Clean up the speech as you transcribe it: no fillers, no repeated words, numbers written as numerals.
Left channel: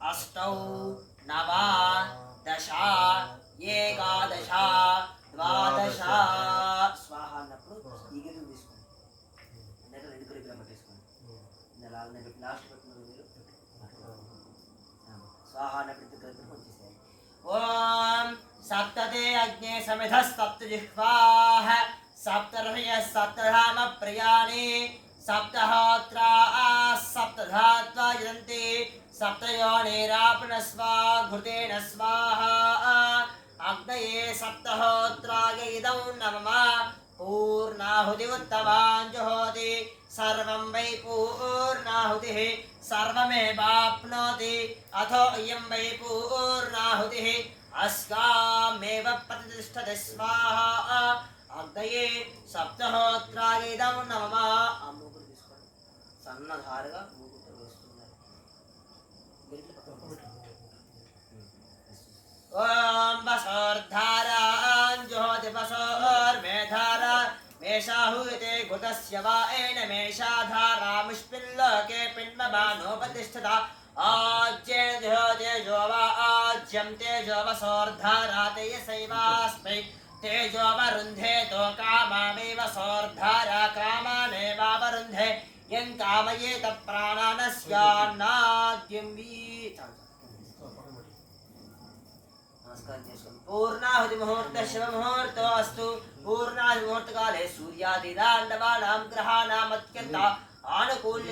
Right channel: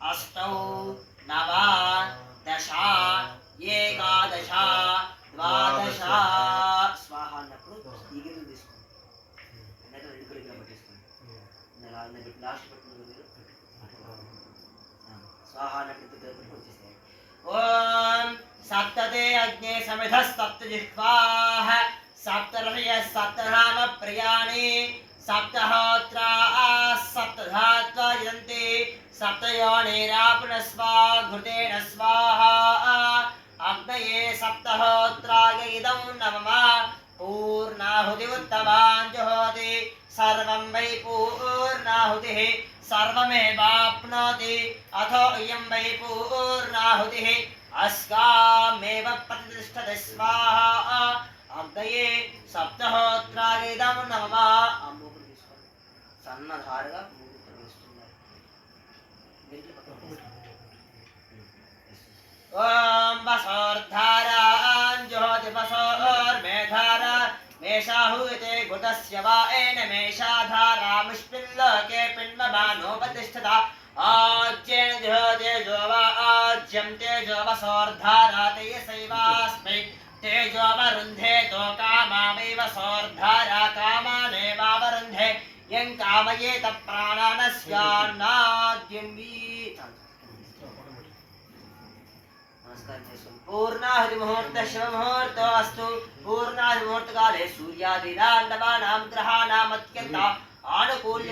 अष्टौ नव दश एकादश द्वादश स्वाहा అన్నప్పుడు ఈ గిన్నెలు తీసుకోండి అన్నట్టు రెండు కలిగిన పట్టేసుకోండి లాస్ట్ పెట్టిన स्वाहा अన్నప్పుడు వచ్చేసాయి ఓం सप्तते अग्ने समिधः सप्तजिह्वाः सप्तर्षयः सप्तधाम प्रियाणि सप्तहोत्राः सप्तधात्वा यन्ति सप्तयोनिरापणस्वा घृतेन स्वाहा अग्नये सप्तहोत्राय इदं नमः पूर्णाहुतिरुत्तमां जुहोति सर्वं वै पूर्णाहुतिः सर्वमेवाप्नोति अथो इयं वै पूर्णाहुतिः अस्कामेव प्रतिष्ठते स्वाहा अग्नये सप्तहोत्राय इदं नमः अम्मोकुడు తీసుకోండి సన్నధారగా మూగుతో వేస్తున్నారు గంటల పక్కన ओम वसोर्धारां जुहोति वसोर्मेधारा मेषाहुते घुतस्य वा एन मेषाधारामुष्मिल्लोके पिण्डमानोपतिष्ठता आज्येन जुहोति जो वा आज्यं तेजो वसोर्धारा तेजसैवास्मै तेजोवरुन्धे तो कामामेव सोर्धारा कामानेवावरुन्धे यं कामयेत प्राणानस्यान्नाद्यं वीतं पूर्णाहुति मुहूर्त शिव मुहूर्तोऽस्तु पूर्णाहुति मुहूर्तकाले सूर्यादिनां नवानां ग्रहाणाम् अत्यन्त आनुकूल्य